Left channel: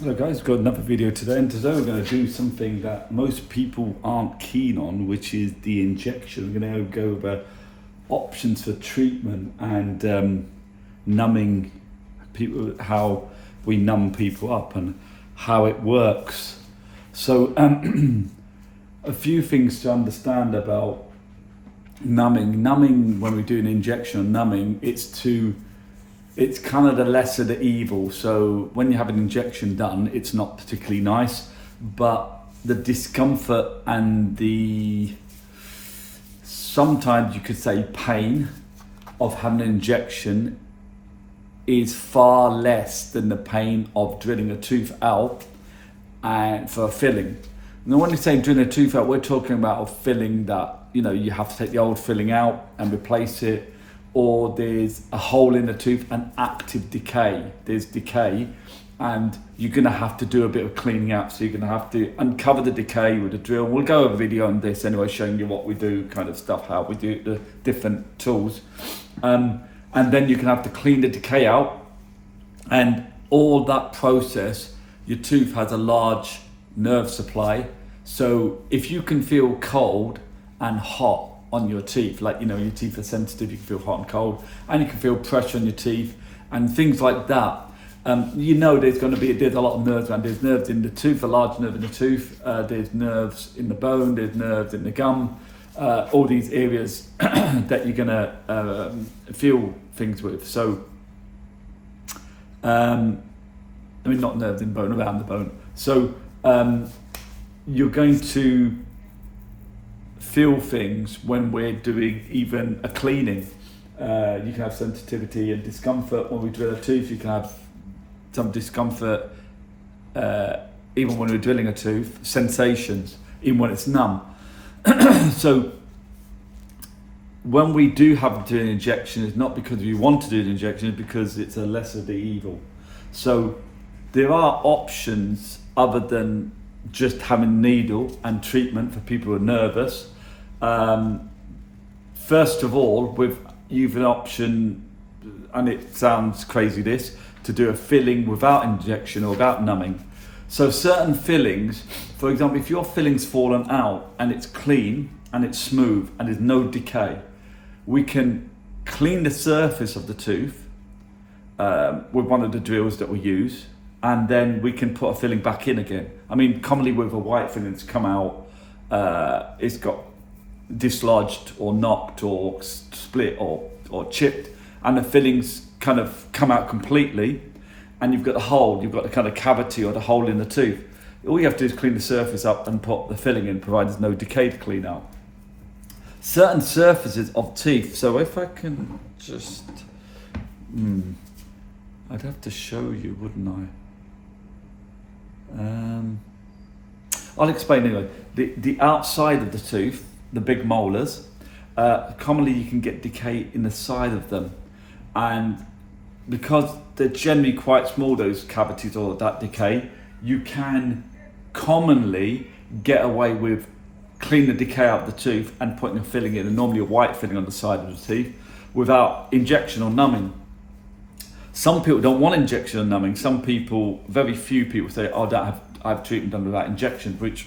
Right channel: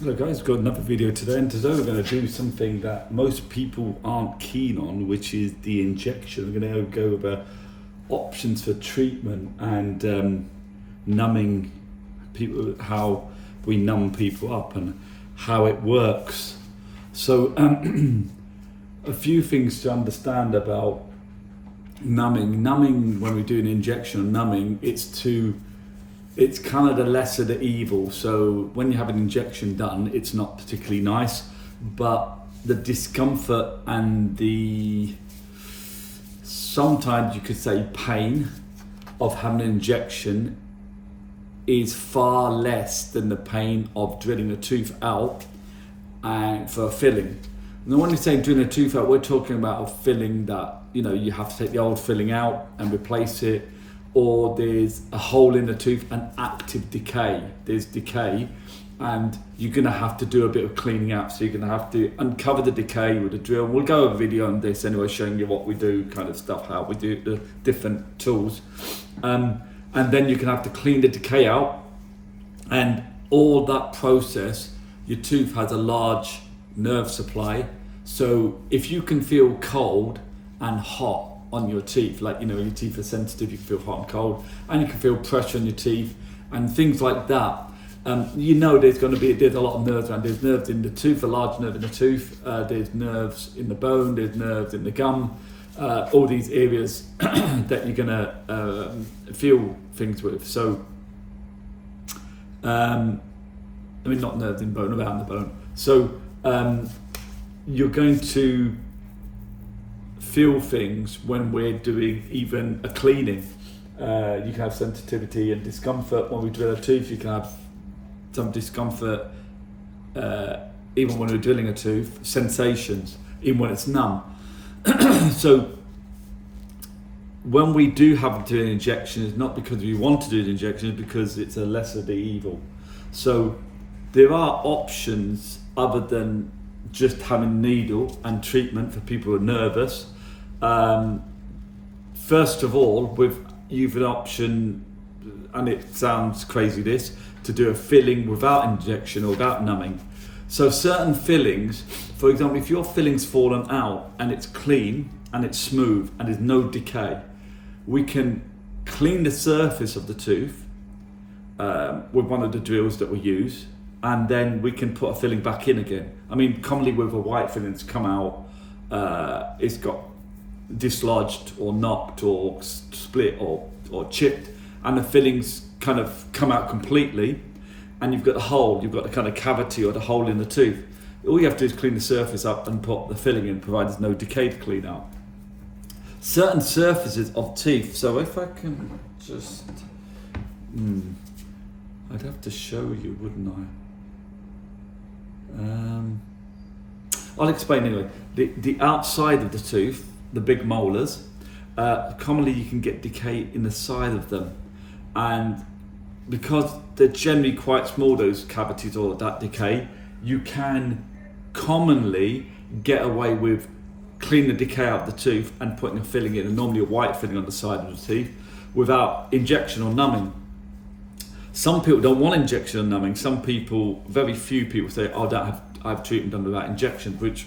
Hello guys, got another video today, and today we're going to do something that most people aren't keen on, which is the injection. We're going to go over options for treatment and numbing people, how we numb people up and how it works. So a few things to understand about numbing. Numbing, when we do an injection of numbing, it's kind of the lesser the evil. So when you have an injection done, it's not particularly nice, but the discomfort and the, sometimes you could say, pain of having an injection is far less than the pain of drilling a tooth out and for a filling. Now when you're saying drilling a tooth out, we're talking about a filling that, you have to take the old filling out and replace it, or there's a hole in the tooth and active decay. There's decay and you're gonna have to do a bit of cleaning out. So you're gonna have to uncover the decay with a drill. We'll go over a video on this anyway, showing you what we do, kind of stuff, how we do it, the different tools. And then you're gonna have to clean the decay out. And all that process, your tooth has a large nerve supply. So if you can feel cold and hot on your teeth, like your teeth are sensitive, you can feel hot and cold, and you can feel pressure on your teeth and things like that. There's a lot of nerves around. There's nerves in the tooth, a large nerve in the tooth, there's nerves in the bone, there's nerves in the gum, all these areas that you're gonna feel things with. So not nerves in bone, around the bone. So you're going to feel things when we're doing even a cleaning. You can have sensitivity and discomfort when we drill a tooth. You can have some discomfort even when we're drilling a tooth, sensations even when it's numb. So when we do have to do an injection, it's not because we want to do an injection, it's because it's a lesser the evil. So there are options other than just having a needle and treatment for people who are nervous. First of all, you've an option, and it sounds crazy this, to do a filling without injection or without numbing. So certain fillings, for example, if your filling's fallen out and it's clean and it's smooth and there's no decay, we can clean the surface of the tooth with one of the drills that we use, and then we can put a filling back in again. Commonly with a white filling that's come out, it's got dislodged or knocked or split or chipped, and the fillings kind of come out completely, and you've got a hole, you've got a kind of cavity or the hole in the tooth. All you have to do is clean the surface up and put the filling in, provided there's no decay to clean out. Certain surfaces of teeth, so if I can just, I'd have to show you, wouldn't I? I'll explain anyway. The outside of the tooth, the big molars, commonly you can get decay in the side of them, and because they're generally quite small, those cavities or that decay, you can commonly get away with cleaning the decay out of the tooth and putting a filling in, and normally a white filling on the side of the teeth, without injection or numbing. Some people don't want injection or numbing. Some people, very few people, say, I have treatment done without injection, which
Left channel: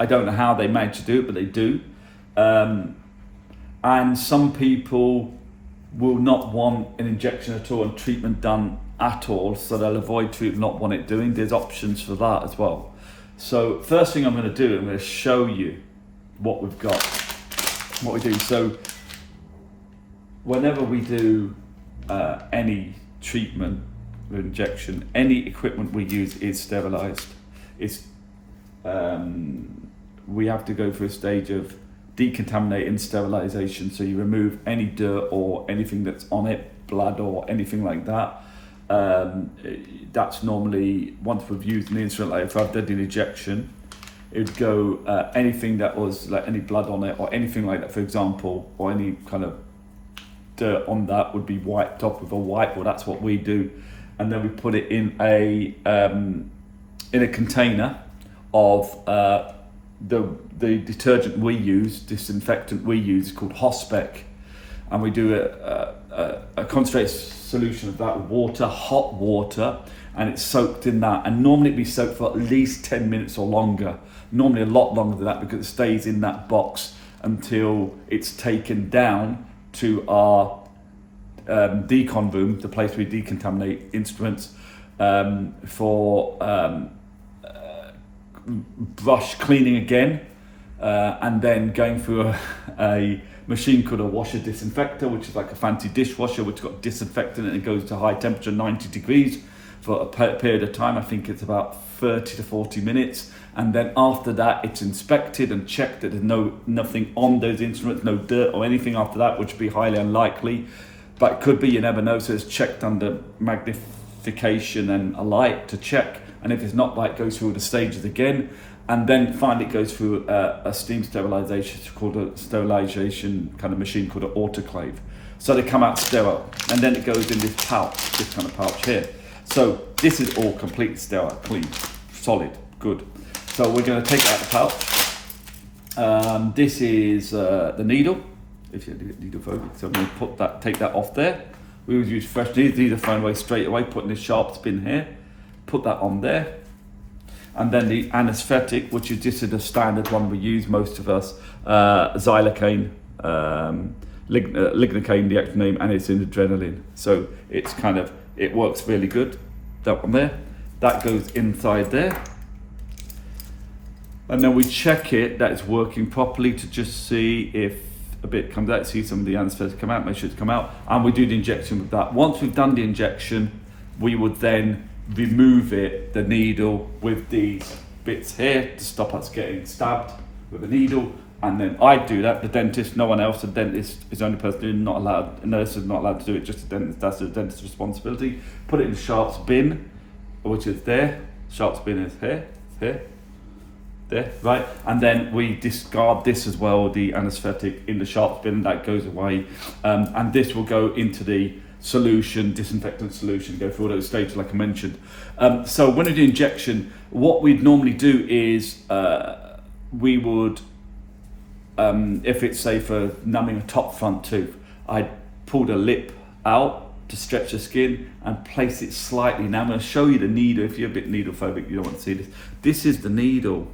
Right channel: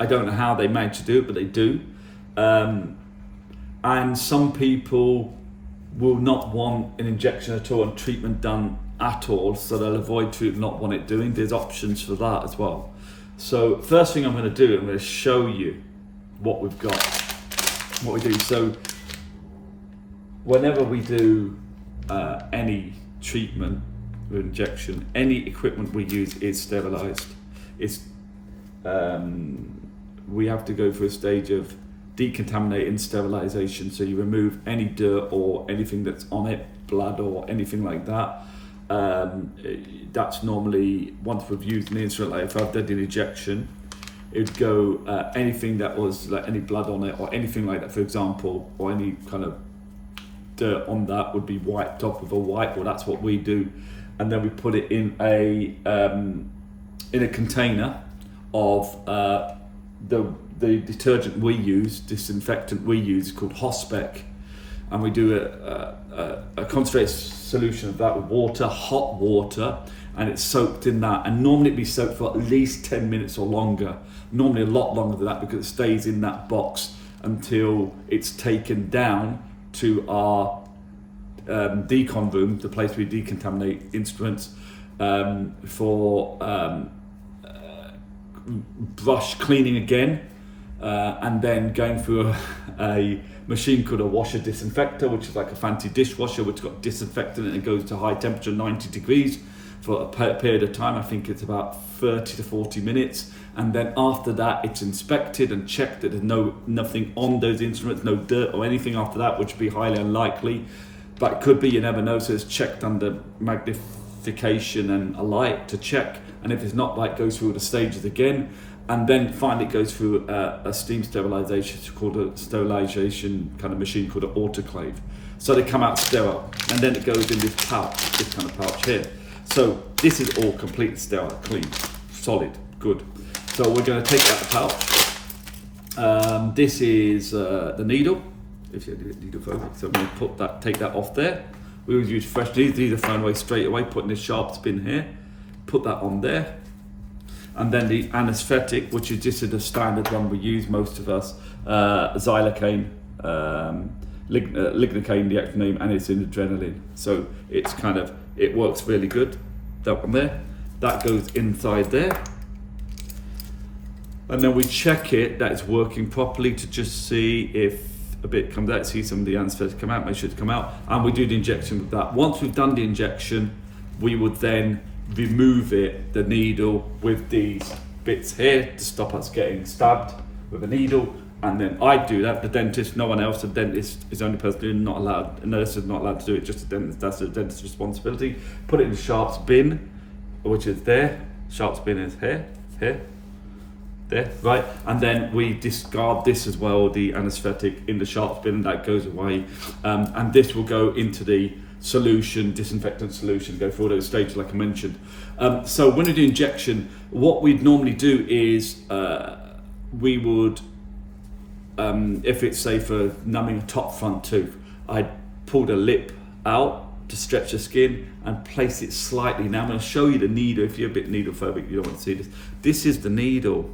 I don't know how they manage to do it, but they do. And some people will not want an injection at all and treatment done at all, so they'll avoid treatment, not want it doing. There's options for that as well. So first thing I'm going to do, I'm going to show you what we've got, what we do. So whenever we do any treatment with injection, any equipment we use is sterilized. We have to go through a stage of decontaminating, sterilization, so you remove any dirt or anything that's on it, blood or anything like that. That's normally, once we've used an instrument, like if I've done an injection, it'd go anything that was like any blood on it or anything like that, for example, or any kind of dirt on that would be wiped off with a wipe. Well, that's what we do, and then we put it in a container of the detergent we use, disinfectant we use, called Hospec, and we do a concentrated solution of that with water, hot water, and it's soaked in that. And normally it'd be soaked for at least 10 minutes or longer. Normally a lot longer than that, because it stays in that box until it's taken down to our decon room, the place we decontaminate instruments, for brush cleaning again, and then going through a machine called a washer disinfector, which is like a fancy dishwasher which got disinfectant, and it goes to high temperature, 90 degrees, for a period of time. I think it's about 30 to 40 minutes. And then after that, it's inspected and checked that there's nothing on those instruments, no dirt or anything after that, which would be highly unlikely. But it could be, you never know. So it's checked under magnification and a light to check. And if it's not, light goes through the stages again. And then finally it goes through a steam sterilization. It's called a sterilization kind of machine called an autoclave. So they come out sterile. And then it goes in this pouch, this kind of pouch here. So this is all completely sterile, clean, solid, good. So we're going to take out the pouch. This is the needle. If you need needle focus, so we take that off there. We would use fresh needles. These are thrown away straight away. Putting this sharp spin here, put that on there, and then the anaesthetic, which is just the standard one we use, most of us, xylocaine, lignocaine, the actual name, and it's in adrenaline. So it's it works really good. That one there, that goes inside there. And then we check it that it's working properly to just see if a bit comes out, see some of the anaesthetic come out, make sure it's come out, and we do the injection with that. Once we've done the injection, we would then remove the needle with these bits here to stop us getting stabbed with a needle. And then I do that, the dentist, no one else. The dentist is the only person who's not allowed, a nurse is not allowed to do it, just the dentist. That's the dentist's responsibility. Put it in the sharps bin, which is there. Sharps bin is here, there, right? And then we discard this as well, the anaesthetic in the sharps bin, that goes away. And this will go into the solution, disinfectant solution, go through all those stages like I mentioned. So when we do injection, what we'd normally do is we would, if it's say for numbing a top front tooth, I'd pull the lip out to stretch the skin and place it slightly. Now I'm going to show you the needle. If you're a bit needle phobic, you don't want to see this. This is the needle.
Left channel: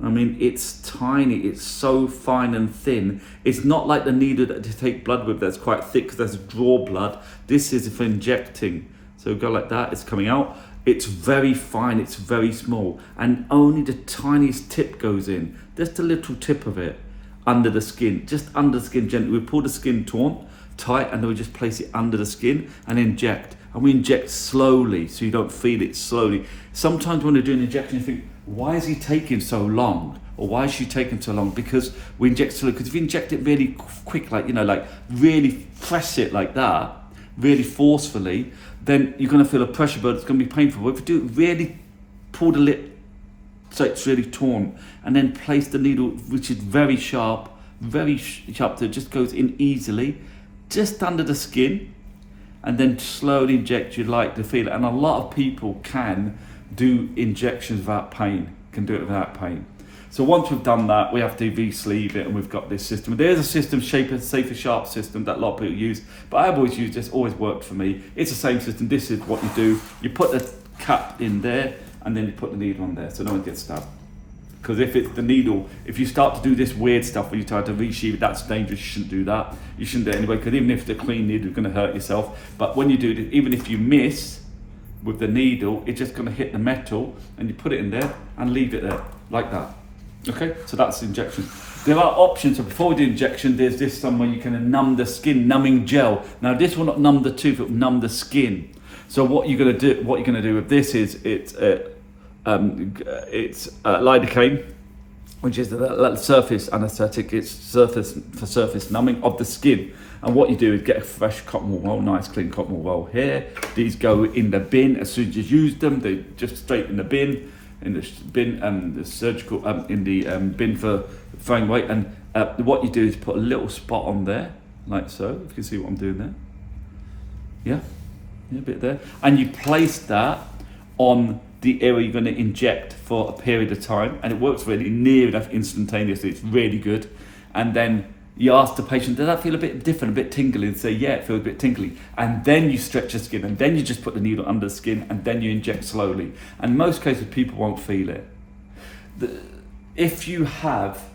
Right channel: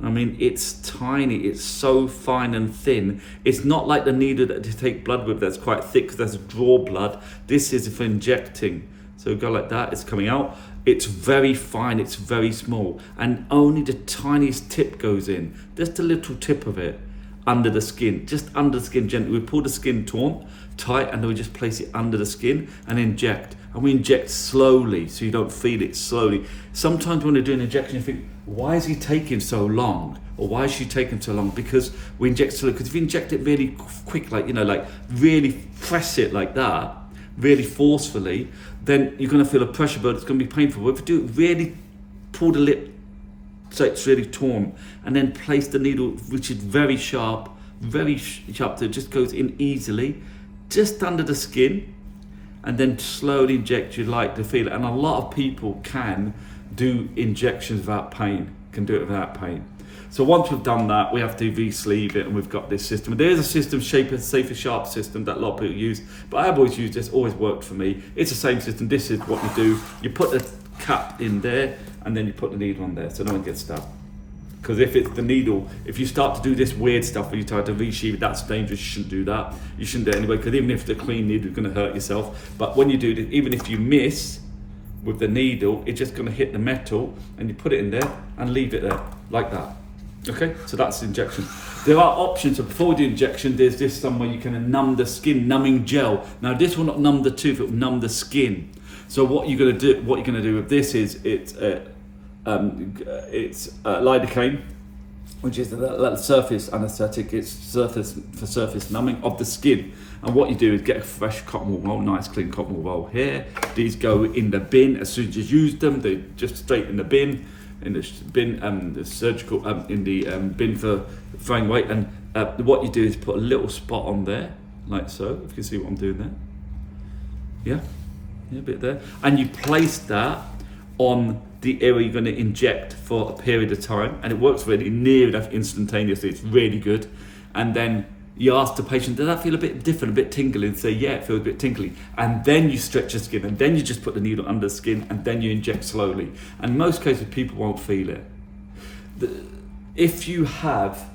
I mean, it's tiny, it's so fine and thin. It's not like the needle that you take blood with that's quite thick, because that's draw blood. This is for injecting. So go like that, it's coming out. It's very fine, it's very small, and only the tiniest tip goes in. Just a little tip of it under the skin, just under the skin gently. We pull the skin tight, and then we just place it under the skin and inject. And we inject slowly, so you don't feel it, slowly. Sometimes when we do an injection, you think, why is he taking so long? Or why is she taking so long? Because we inject slowly. Because if you inject it really quick, like, like really press it like that, really forcefully, then you're going to feel a pressure burn. It's going to be painful. But if you do it really, pull the lip so it's really torn, and then place the needle, which is very sharp, so it just goes in easily, just under the skin, and then slowly inject. You'd like to feel it. And a lot of people can do injections without pain, can do it without pain. So once we've done that, we have to re-sleeve it, and we've got this system. There's a system, Safer Sharp system, that a lot of people use, but I've always used this, always worked for me. It's the same system. This is what you do. You put the cap in there, and then you put the needle on there, so no one gets stabbed. Because if it's the needle, if you start to do this weird stuff where you try to re-sheave it, that's dangerous. You shouldn't do that. You shouldn't do it anyway, because even if the clean needle is going to hurt yourself. But when you do this, even if you miss with the needle, it's just going to hit the metal, and you put it in there and leave it there like that. Okay, so that's injection. There are options. So before we do injection, there's this somewhere you can numb the skin, numbing gel. Now this will not numb the tooth; it will numb the skin. So what you're going to do, with this is it's lidocaine, which is the surface anaesthetic. It's surface numbing of the skin. And what you do is get a fresh cotton wool roll, nice clean cotton wool roll here. These go in the bin as soon as you use them. They just straight in the bin. The surgical in the bin for throwing away. And what you do is put a little spot on there, like so. If you can see what I'm doing there, yeah, a bit there, and you place that on the area you're going to inject for a period of time, and it works really near enough instantaneously. It's really good. And then You ask the patient, does that feel a bit different, a bit tingly? And say, yeah, it feels a bit tingly. And then you stretch the skin, and then you just put the needle under the skin, and then you inject slowly. And in most cases, people won't feel it. If you have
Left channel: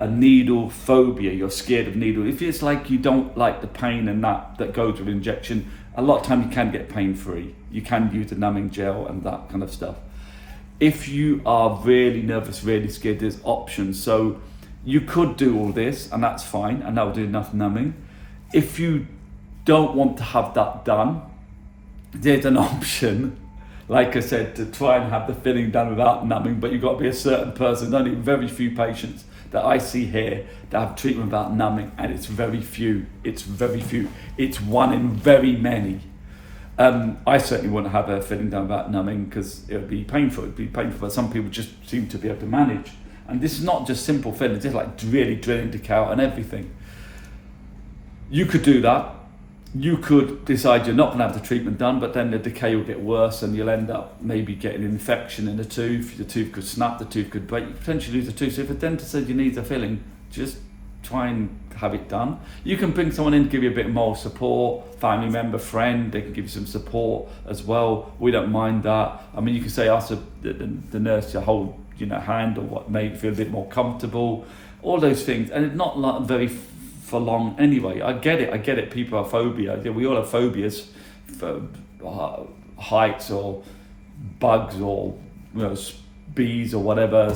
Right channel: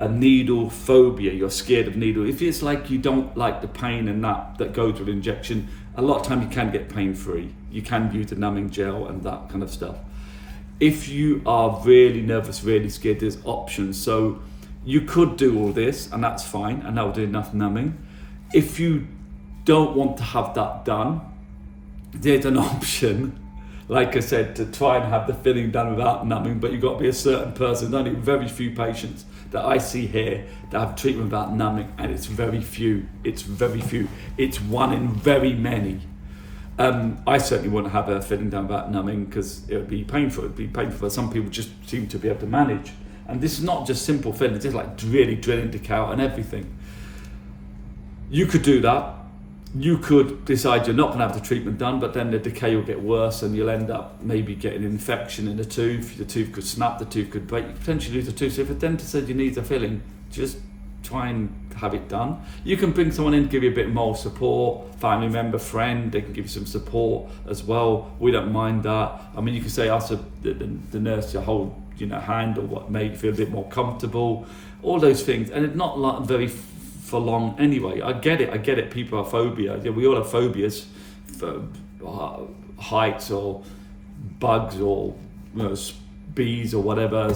a needle phobia, you're scared of needle, if it's like you don't like the pain and that goes with injection, a lot of time you can get pain-free. You can use the numbing gel and that kind of stuff. If you are really nervous, really scared, there's options. So you could do all this, and that's fine, and that will do enough numbing. If you don't want to have that done, there's an option, like I said, to try and have the filling done without numbing, but you've got to be a certain person. There's only very few patients that I see here that have treatment without numbing, and it's very few. It's very few. It's one in very many. I certainly wouldn't have a filling done without numbing because it would be painful. It'd be painful, but some people just seem to be able to manage. And this is not just simple filling, it's like really drilling the cow and everything. You could do that. You could decide you're not going to have the treatment done, but then the decay will get worse and you'll end up maybe getting an infection in the tooth. The tooth could snap, the tooth could break, you potentially lose the tooth. So if a dentist says you need a filling, just try and have it done. You can bring someone in to give you a bit more support, family member, friend, they can give you some support as well. We don't mind that. I mean, you can say ask the nurse to hold hand or what made you feel a bit more comfortable, all those things. And it's not like very for long anyway. I get it, people have phobia. We all have phobias for heights or bugs or bees or whatever,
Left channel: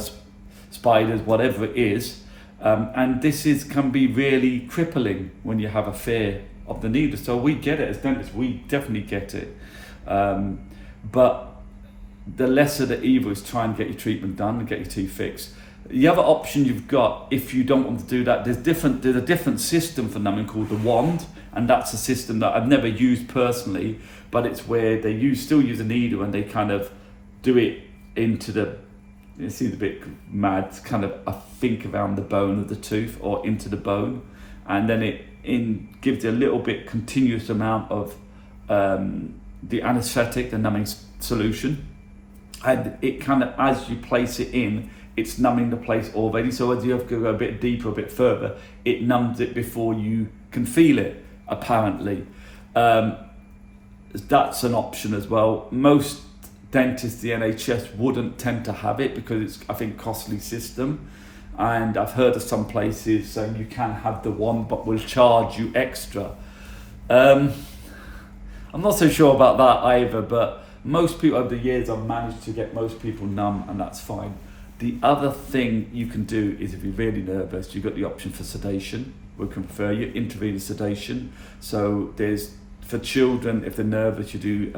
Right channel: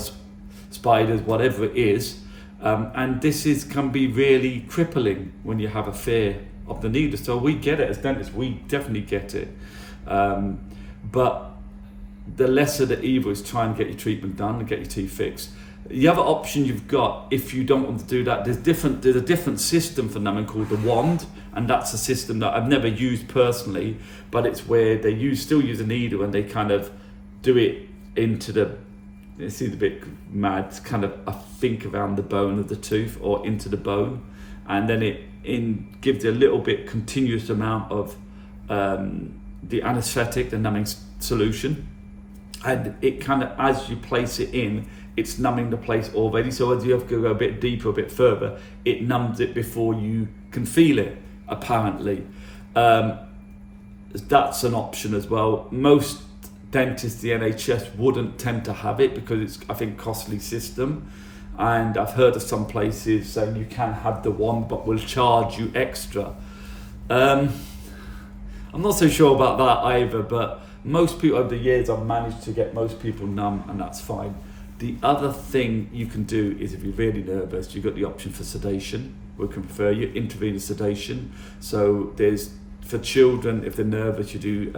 spiders, whatever it is. And this can be really crippling when you have a fear of the needle. So we get it as dentists, we definitely get it. But the lesser the evil is try and get your treatment done and get your teeth fixed. The other option you've got, if you don't want to do that, there's a different system for numbing called the wand, and that's a system that I've never used personally, but it's where they still use a needle and they kind of do it into it seems a bit mad, it's kind of, I think, around the bone of the tooth or into the bone, and then it gives a little bit continuous amount of the anesthetic, the numbing solution, and it kind of, as you place it in, it's numbing the place already. So as you have to go a bit deeper, a bit further, it numbs it before you can feel it, apparently. That's an option as well. Most dentists, the NHS, wouldn't tend to have it because it's, I think, costly system. And I've heard of some places saying you can have the one, but will charge you extra. I'm not so sure about that either, but most people over the years I've managed to get most people numb, and that's fine. The other thing you can do is, if you're really nervous, you've got the option for sedation. We can refer you intravenous sedation. So there's, for children, if they're nervous, you do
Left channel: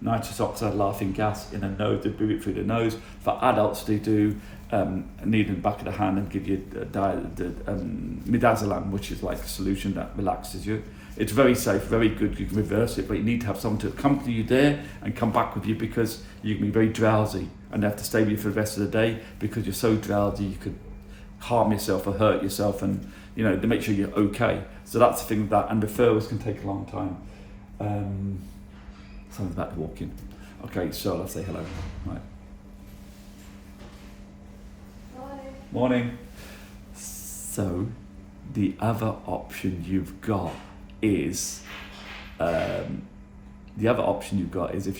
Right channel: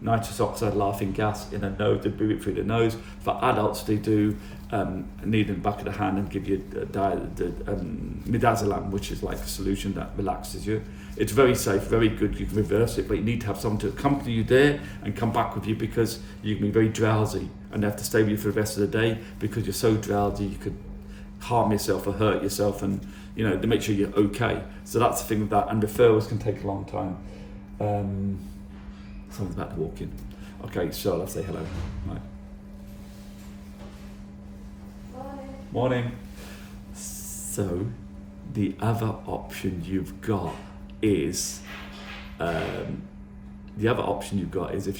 nitrous oxide laughing gas in the nose, they breathe it through the nose. For adults, they do a needle in the back of the hand and give you midazolam, which is like a solution that relaxes you. It's very safe, very good, you can reverse it, but you need to have someone to accompany you there and come back with you because you can be very drowsy and they have to stay with you for the rest of the day because you're so drowsy you could harm yourself or hurt yourself, and to make sure you're okay. So that's the thing with that, and referrals can take a long time. Someone's about to walk in. Okay, so let's say hello. Right. Morning. So the other option you've got is if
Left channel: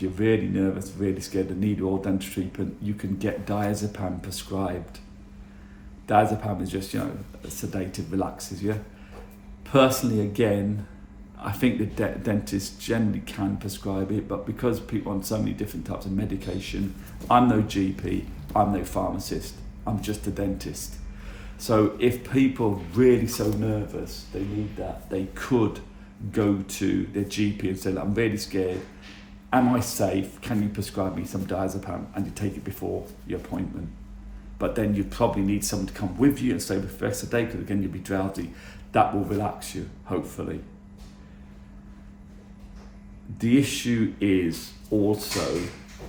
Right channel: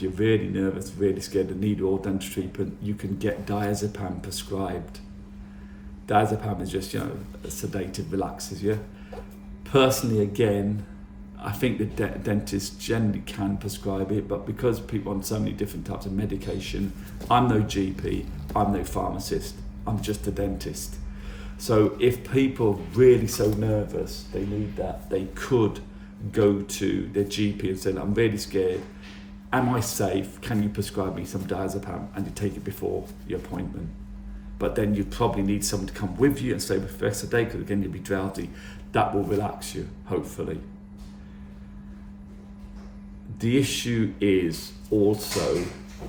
you're really nervous, really scared and need all dental treatment, you can get diazepam prescribed. Diazepam is just, sedative, relaxes you. Personally, again, I think the dentist generally can prescribe it, but because people are on so many different types of medication, I'm no GP, I'm no pharmacist, I'm just a dentist. So if people are really so nervous, they need that, they could go to their GP and say, I'm really scared, am I safe, can you prescribe me some diazepam, and you take it before your appointment. But then you probably need someone to come with you and stay with you the rest of the day, because again you'll be drowsy. That will relax you, hopefully. The issue is also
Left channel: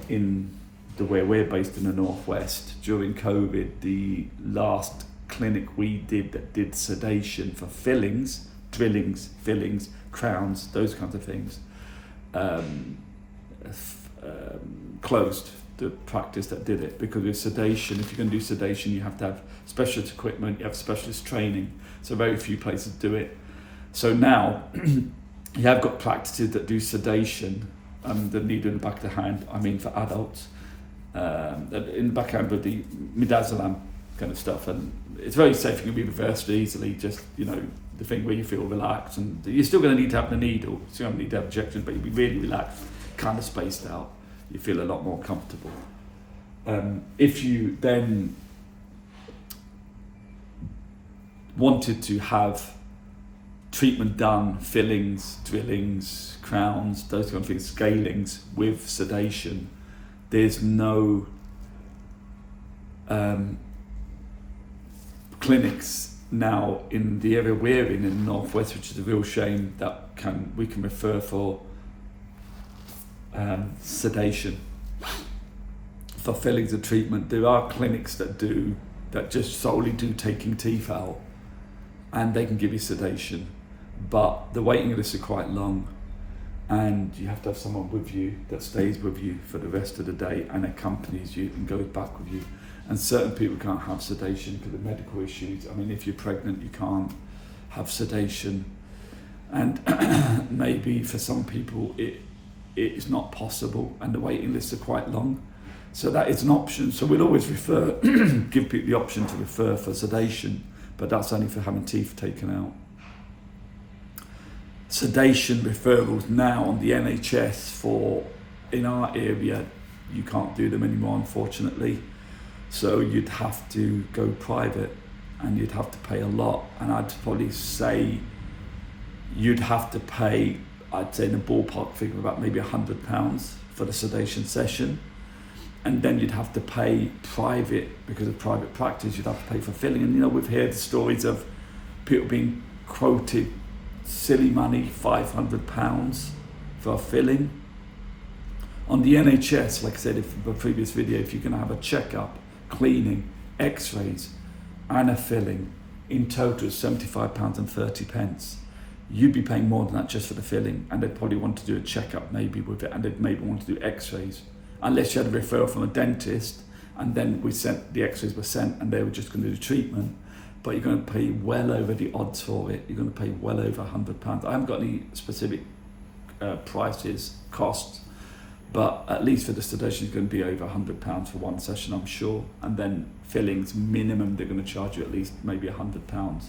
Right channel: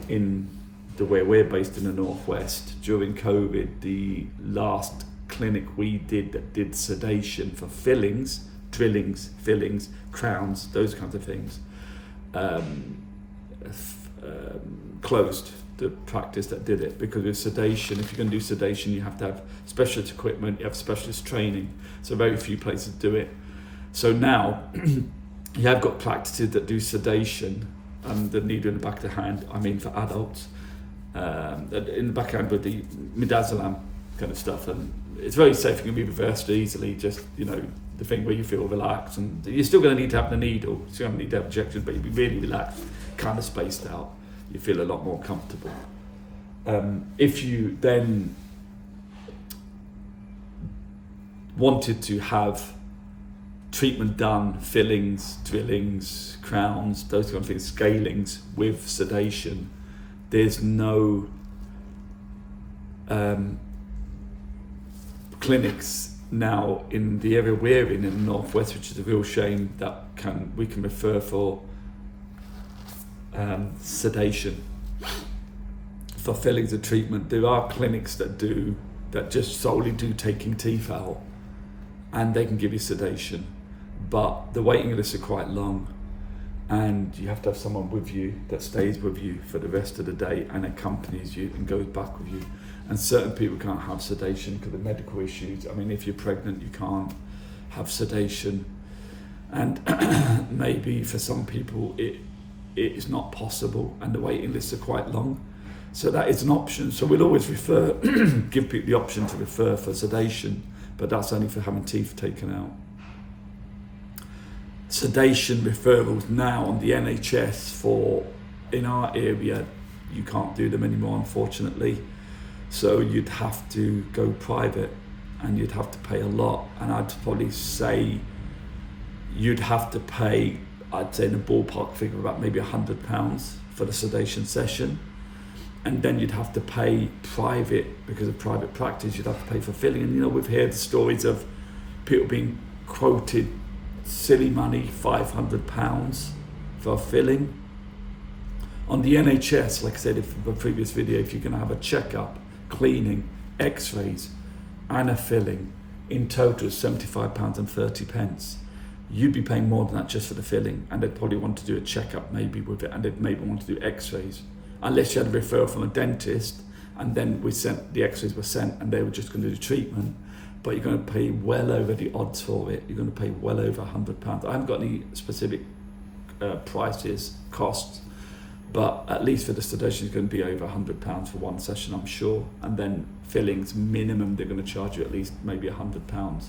in where we're based in the Northwest. During COVID, the last clinic we did that did sedation for fillings, drillings, fillings, crowns, those kinds of things, closed. the practice that did it, because with sedation, if you're going to do sedation, you have to have specialist equipment, you have specialist training. So very few places do it. So now you have got practices that do sedation, and the needle in the back of the hand, I mean for adults, in the back of the hand with the midazolam kind of stuff, and it's very safe. It can be reversed easily, just, you know, the thing where you feel relaxed, and you're still going to need to have the needle, so you don't need to have injections, but you'll be really relaxed, kind of spaced out. You feel a lot more comfortable. If you then wanted to have treatment done, fillings, drillings, crowns, those kind of things, scalings with sedation, there's no clinics now in the area we're in the northwest, which is a real shame, that we can refer for sedation for fillings and treatment. There are clinics that just solely do taking teeth out, and they can give you sedation, but the waiting lists are quite long, and you have to have someone with you that stays with you for the rest of the day and accompanies you and goes back with you. And certain people can't have sedation because of medical issues. I mean, if you're pregnant, you can't have sedation, and maybe for some people it's not possible, and the waiting lists are quite long. So that is an option. So we'll always refer, give people the option to refer for sedation, but that's only for having teeth taken out. Sedation referrals now on the NHS in our area, you can't do them anymore, unfortunately. So you'd have to go private, and you'd have to pay a lot. And I'd probably say you'd have to pay, I'd say in a ballpark figure, about maybe £100 for the sedation session. And then you'd have to pay private, because of private practice, you'd have to pay for filling. And you know, we've heard stories of people being quoted silly money, £500 for a filling. On the NHS, like I said in the previous video, if you're going to have a checkup, cleaning, x-rays and a filling, in total £75.30. You'd be paying more than that just for the filling, and they'd probably want to do a checkup maybe with it, and they'd maybe want to do x-rays, unless you had a referral from a dentist, and then the x-rays were sent and they were just going to do the treatment. But you're going to pay well over the odds for it. You're going to pay well over £100. I haven't got any specific prices, costs, but at least for the sedation it's going to be over £100 for one session, I'm sure. And then fillings, minimum, they're going to charge you at least maybe £100.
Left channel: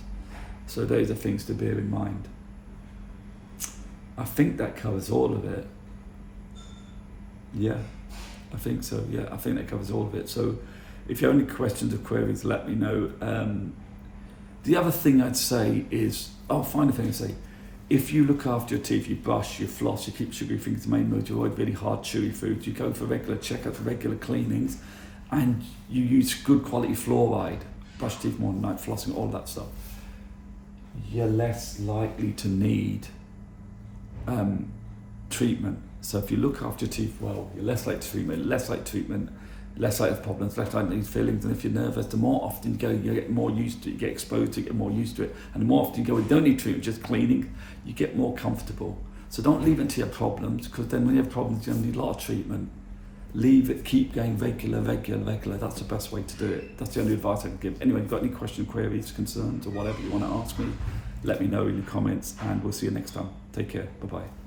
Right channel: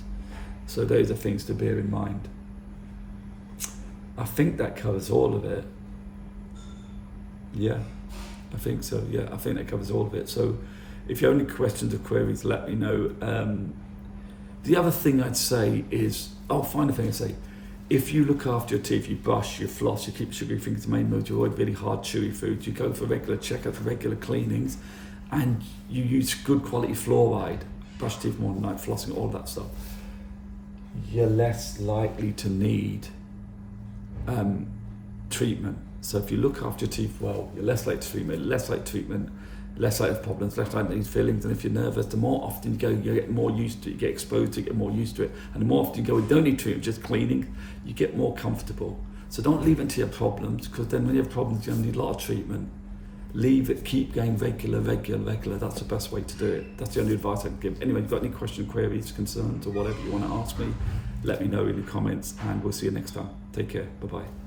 So those are things to bear in mind. I think that covers all of it. Yeah, I think so. Yeah, I think that covers all of it. So if you have any questions or queries, let me know. The other thing I'd say is, final thing I'd say, if you look after your teeth, you brush, you floss, you keep sugary things to main mode, you avoid really hard chewy foods, you go for regular checkups, for regular cleanings, and you use good quality fluoride, brush teeth more than night, flossing, all that stuff, you're less likely to need treatment. So if you look after your teeth well, you're less likely to treatment, less likely to have problems, less likely to need fillings. And if you're nervous, the more often you go, you get more used to it, you get exposed to it, you get more used to it. And the more often you go, you don't need treatment, just cleaning, you get more comfortable. So don't leave it until you have problems, because then when you have problems, you're going to need a lot of treatment. Leave it, keep going regular. That's the best way to do it. That's the only advice I can give. Anyway, if you've got any questions, queries, concerns, or whatever you want to ask me, let me know in the comments, and we'll see you next time. Take care. Bye-bye.